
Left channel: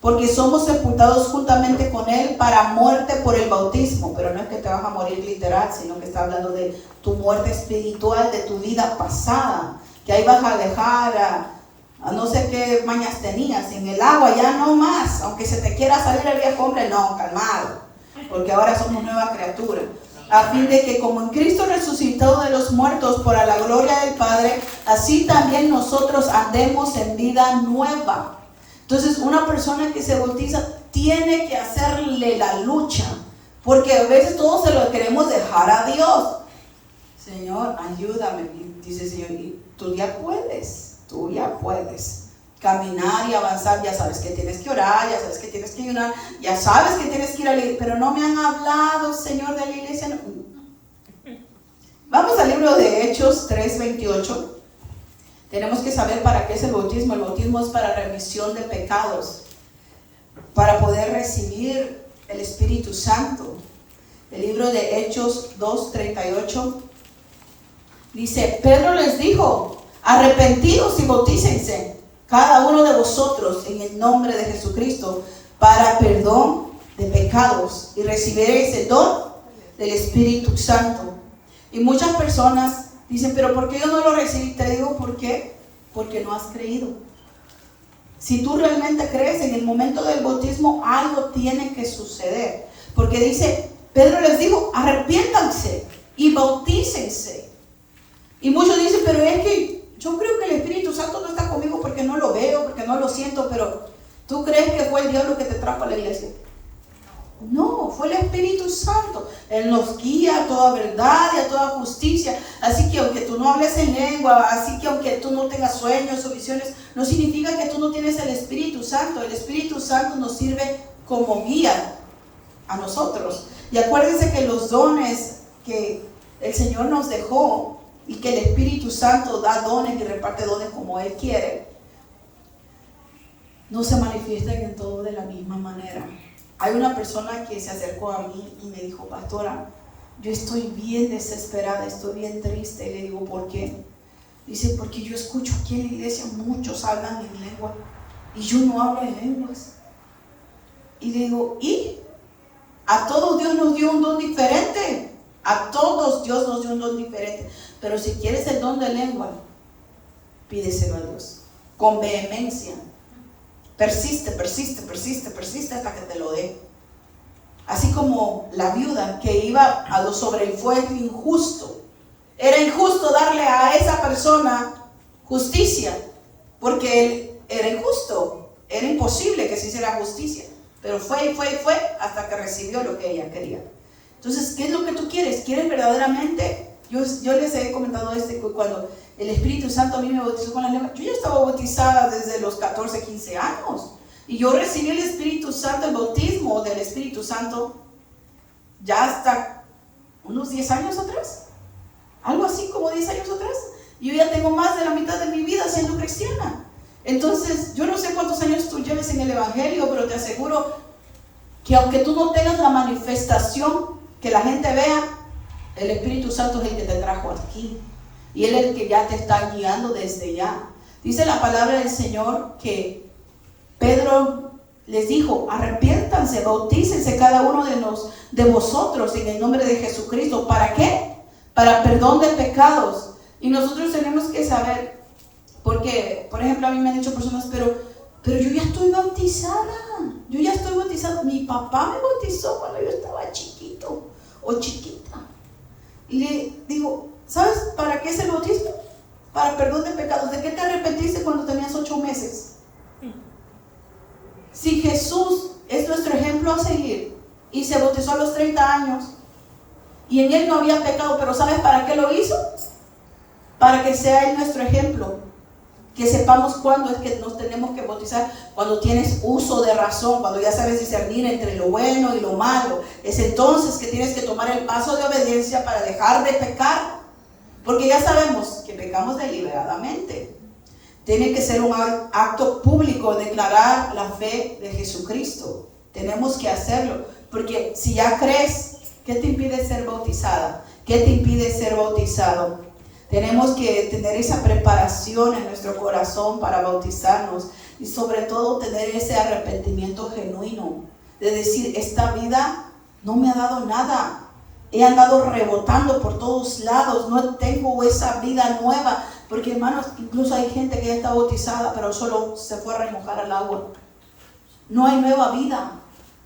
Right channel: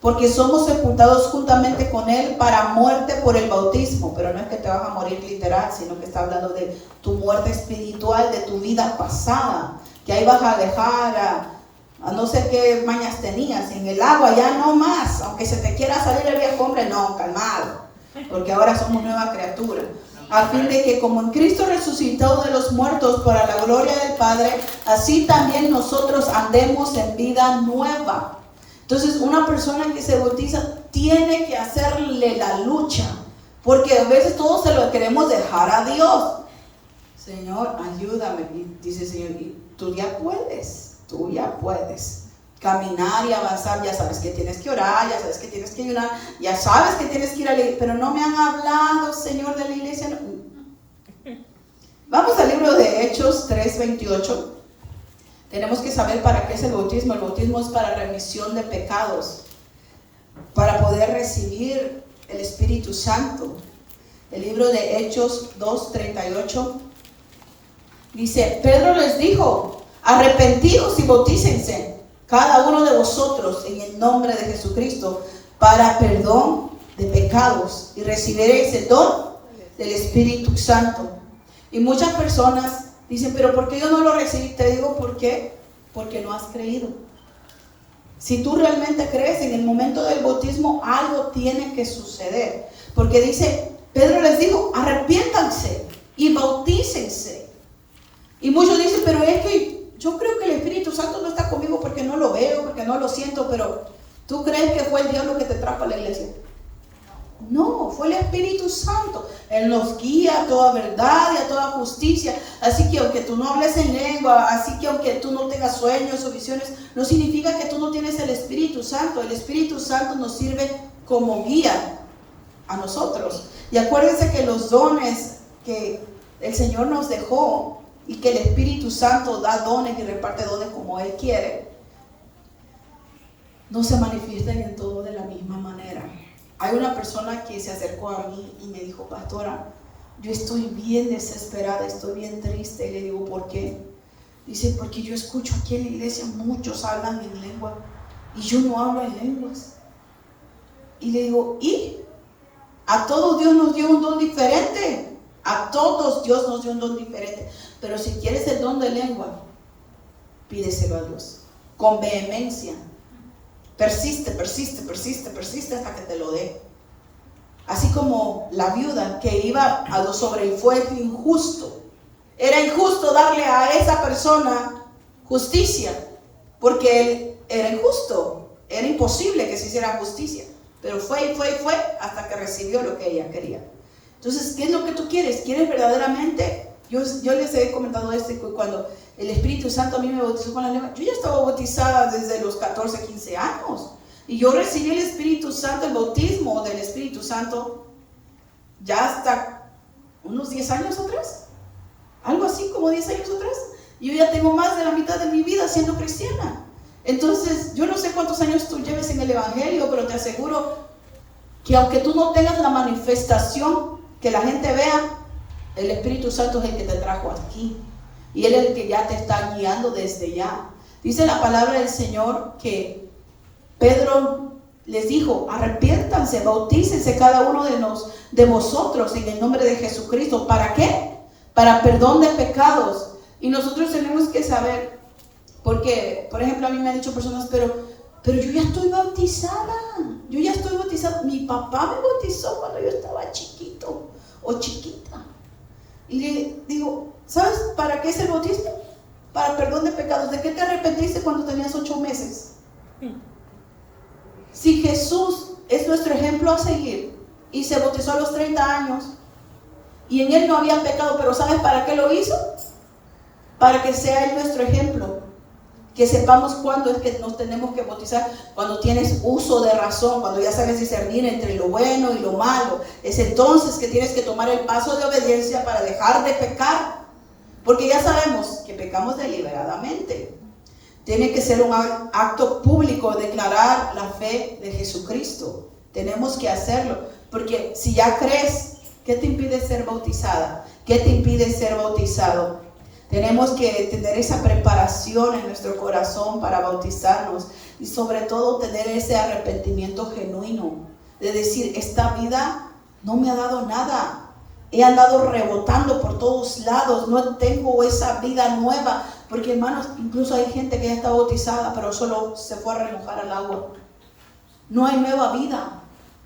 Porque somos sepultados juntamente con Él para muerte por el bautismo. Pero no es que te vas a morir literal, sino que está hablando de tu muerte espiritual, de tu vida pasada. Que ahí vas a dejar a no sé qué mañas tenías en el agua, ya no más. Aunque se te quiera salir el viejo hombre, no, calmado. Porque ahora somos nueva criatura. A fin de que como en Cristo resucitó de los muertos para la gloria del Padre, así también nosotros andemos en vida nueva. Entonces, una persona que se bautiza tiene que hacerle la lucha, porque a veces todos se lo queremos dejar a Dios. Señor, ayúdame, dice el Señor, y tú ya puedes caminar y avanzar. Ya sabes que tienes que orar, ya sabes que tienes que ayunar, ya sabes que tienes que ir a la iglesia, pero no me han hablado, Señor, de la iglesia. No. Vamos al libro de Hechos 3:28. Tenemos que saber para qué es el bautismo. El bautismo es para remisión de pecados, para poder recibir el Espíritu Santo. El libro de Hechos 2:38 dice, Pedro les dijo, arrepentidos y bautícense cada uno de vosotros en el nombre de Jesucristo para perdón de pecados y recibiréis el don del Espíritu Santo. Y muchas personas dicen, pero ¿por qué yo no lo recibí? Te digo, ¿por qué? Porque no has creído. Si tú realmente crees, en el momento del bautismo algo tiene que suceder. Porque dice, Pedro les dijo, arrepiéntanse y bautícense. Y muchos dicen, pero es que yo creo que el Espíritu Santo no está conmigo porque no lo veo, porque no lo siento. Pero ¿tú crees que fue el diablo que te trajo a la iglesia? No, fue el Espíritu Santo. Él nos guía a toda verdad y a toda justicia. Así que aunque tú no hables en lengua, así que aunque tú no tengas sueños o visiones, no significa que tú no tienes el Espíritu Santo. El Espíritu Santo nos sirve como guía a nosotros. Y acuérdense que los dones que el Señor nos dejó y que el Espíritu Santo da dones y reparte dones como Él quiere, no se manifiestan en todo de la misma manera. Hay una persona que se acercó a mí y me dijo, pastora, yo estoy bien desesperada, estoy bien triste. Y le digo, ¿por qué? Dice, porque yo escucho aquí en la iglesia, muchos hablan en lengua y yo no hablo en lenguas. Y le digo, ¿y? A todos Dios nos dio un don diferente. A todos Dios nos dio un don diferente. Pero si quieres el don de lengua, pídeselo a Dios con vehemencia. Persiste hasta que te lo dé. Así como la viuda que iba a lo sobre el fuego injusto. Era injusto darle a esa persona justicia, porque él era injusto. Era imposible que se hiciera justicia. Pero fue hasta que recibió lo que ella quería. Entonces, ¿qué es lo que tú quieres? ¿Quieres verdaderamente? Yo les he comentado cuando el Espíritu Santo a mí me bautizó con la lengua. Yo ya estaba bautizada desde los 14, 15 años. Y yo recibí el Espíritu Santo, el bautismo del Espíritu Santo, ya hasta unos 10 años atrás. Algo así como 10 años atrás. Y yo ya tengo más de la mitad de mi vida siendo cristiana. Entonces, yo no sé cuántos años tú lleves en el Evangelio, pero te aseguro que aunque tú no tengas la manifestación que la gente vea, el Espíritu Santo es el que te trajo aquí. Y Él es el que ya te está guiando desde ya. Dice la palabra del Señor que Pedro les dijo, arrepiéntanse, bautícense cada uno de vosotros en el nombre de Jesucristo. ¿Para qué? Para perdón de pecados. Y nosotros tenemos que saber, porque, por ejemplo, a mí me han dicho personas, pero yo ya estoy bautizada. Yo ya estoy bautizada. Mi papá me bautizó cuando yo estaba chiquito o chiquita. Y le digo, ¿sabes para qué es el bautismo? Para perdón de pecados. ¿De qué te arrepentiste cuando tenías 8 meses? Si Jesús es nuestro ejemplo a seguir y se bautizó a los 30 años y en Él no había pecado, pero ¿sabes para qué lo hizo? Para que sea Él nuestro ejemplo. Que sepamos cuándo es que nos tenemos que bautizar, cuando tienes uso de razón, cuando ya sabes discernir entre lo bueno y lo malo. Es entonces que tienes que tomar el paso de obediencia para dejar de pecar, porque ya sabemos que pecamos deliberadamente. Tiene que ser un acto público, declarar la fe de Jesucristo. Tenemos que hacerlo, porque si ya crees, ¿qué te impide ser bautizada? ¿Qué te impide ser bautizado? Tenemos que tener esa preparación en nuestro corazón para bautizarnos y sobre todo tener ese arrepentimiento genuino de decir, esta vida no me ha dado nada, he andado rebotando por todos lados, no tengo esa vida nueva, porque hermanos, incluso hay gente que ya está bautizada pero solo se fue a remojar al agua, no hay nueva vida.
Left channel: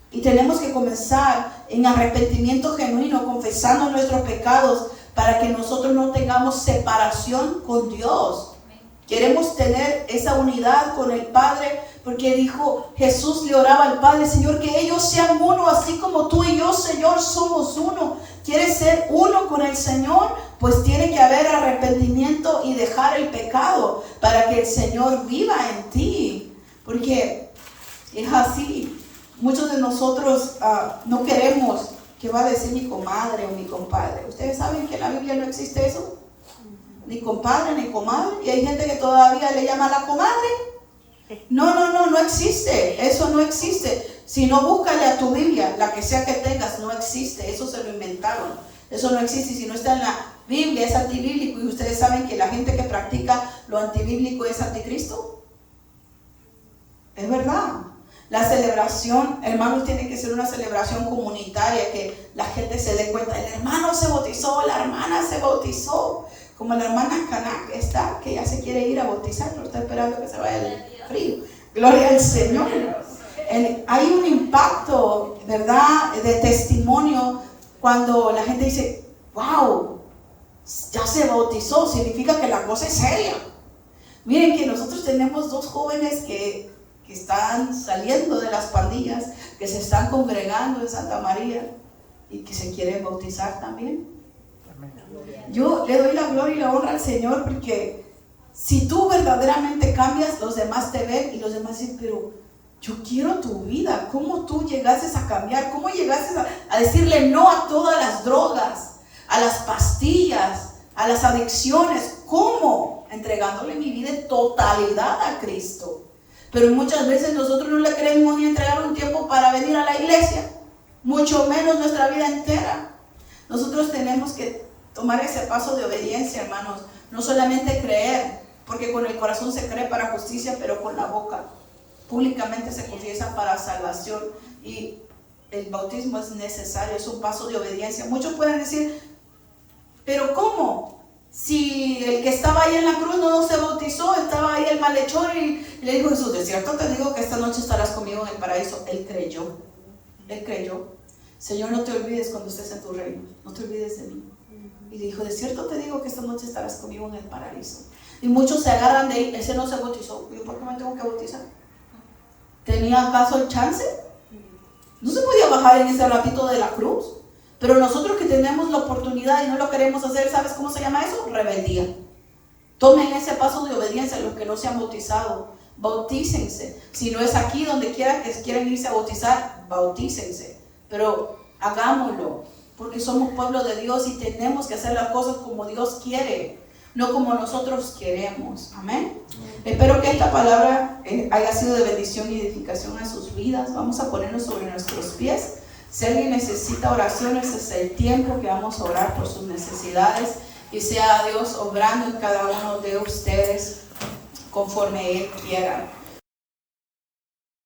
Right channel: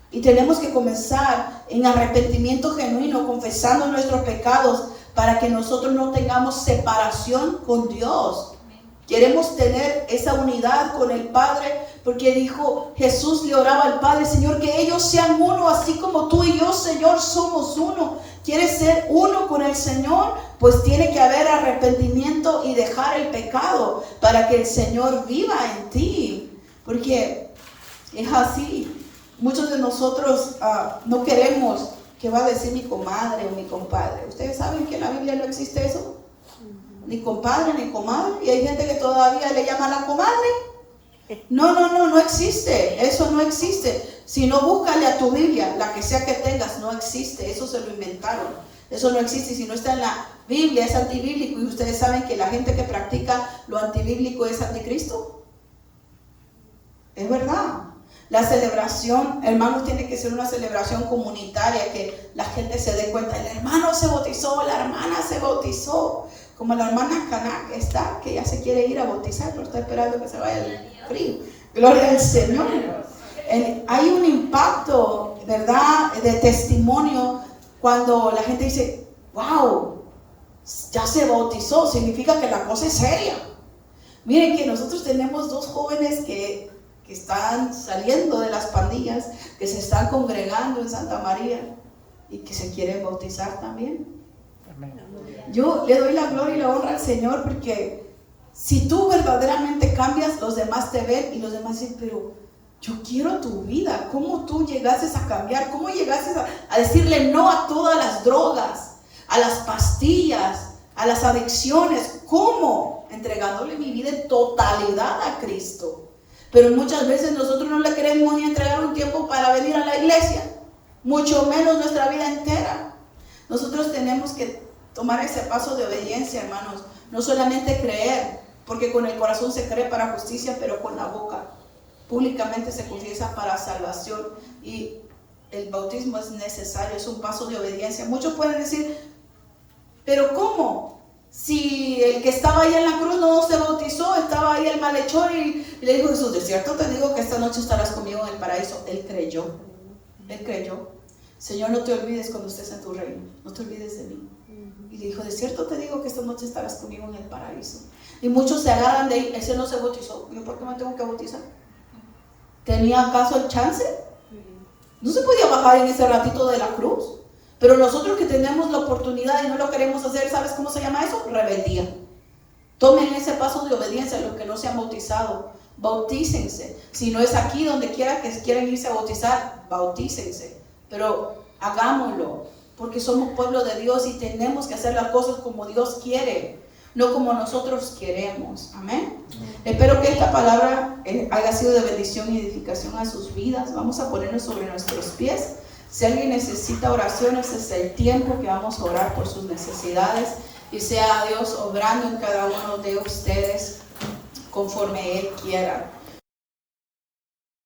Y tenemos que comenzar en arrepentimiento genuino, confesando nuestros pecados, para que nosotros no tengamos separación con Dios. Queremos tener esa unidad con el Padre, porque dijo, Jesús le oraba al Padre, Señor, que ellos sean uno, así como tú y yo, Señor, somos uno. ¿Quieres ser uno con el Señor? Pues tiene que haber arrepentimiento y dejar el pecado, para que el Señor viva en ti. Porque es así. Muchos de nosotros no queremos ¿qué va a decir mi comadre o mi compadre? ¿Ustedes saben que en la Biblia no existe eso? Ni compadre ni comadre. Y hay gente que todavía le llama a la comadre. No existe. Eso no existe. Si no, búscale a tu Biblia, la que sea que tengas, no existe. Eso se lo inventaron. Eso no existe. Si no está en la Biblia, es antibíblico. Y ustedes saben que la gente que practica lo antibíblico es anticristo. Es verdad. La celebración, hermanos, tiene que ser una celebración comunitaria, que la gente se dé cuenta, el hermano se bautizó, la hermana se bautizó, como la hermana Canak está, que ya se quiere ir a bautizar, pero está esperando que se vaya el frío. Gloria al Señor. Hay un impacto, ¿verdad?, de testimonio cuando la gente dice, wow, ya se bautizó, significa que la cosa es seria. Miren que nosotros tenemos dos jóvenes que están saliendo de las pandillas, que se están congregando en Santa María y que se quieren bautizar también. Yo le doy la gloria y la honra al Señor, porque si tú verdaderamente cambias, los demás te ven y los demás dicen, pero yo quiero tu vida. ¿Cómo tú llegaste a cambiar? ¿Cómo llegaste a decirle no a todas las drogas, a las pastillas, a las adicciones? ¿Cómo? Entregándole mi vida en totalidad a Cristo. Pero muchas veces nosotros no le queremos entregar un tiempo para venir a la iglesia, mucho menos nuestra vida entera. Nosotros tenemos que tomar ese paso de obediencia, hermanos. No solamente creer, porque con el corazón se cree para justicia, pero con la boca públicamente se confiesa para salvación. Y el bautismo es necesario, es un paso de obediencia. Muchos pueden decir, pero ¿cómo? Si el que estaba ahí en la cruz no se bautizó, estaba ahí el malhechor y le dijo Jesús, de cierto te digo que esta noche estarás conmigo en el paraíso. Él creyó. Señor, no te olvides cuando estés en tu reino, no te olvides de mí. Y le dijo, de cierto te digo que esta noche estarás conmigo en el paraíso. Y muchos se agarran de ahí, ese no se bautizó. ¿Yo por qué me tengo que bautizar? ¿Tenía acaso el chance? No se podía bajar en ese ratito de la cruz. Pero nosotros que tenemos la oportunidad y no lo queremos hacer, ¿sabes cómo se llama eso? Rebeldía. Tomen ese paso de obediencia, los que no se han bautizado, bautícense. Si no es aquí, donde quiera que quieren irse a bautizar, bautícense. Pero hagámoslo, porque somos pueblo de Dios y tenemos que hacer las cosas como Dios quiere, no como nosotros queremos. Amén. Espero que esta palabra haya sido de bendición y edificación a sus vidas. Vamos a ponernos sobre nuestros pies. Si alguien necesita oración, ese es el tiempo que vamos a orar por sus necesidades, y sea Dios obrando en cada uno de ustedes conforme Él quiera.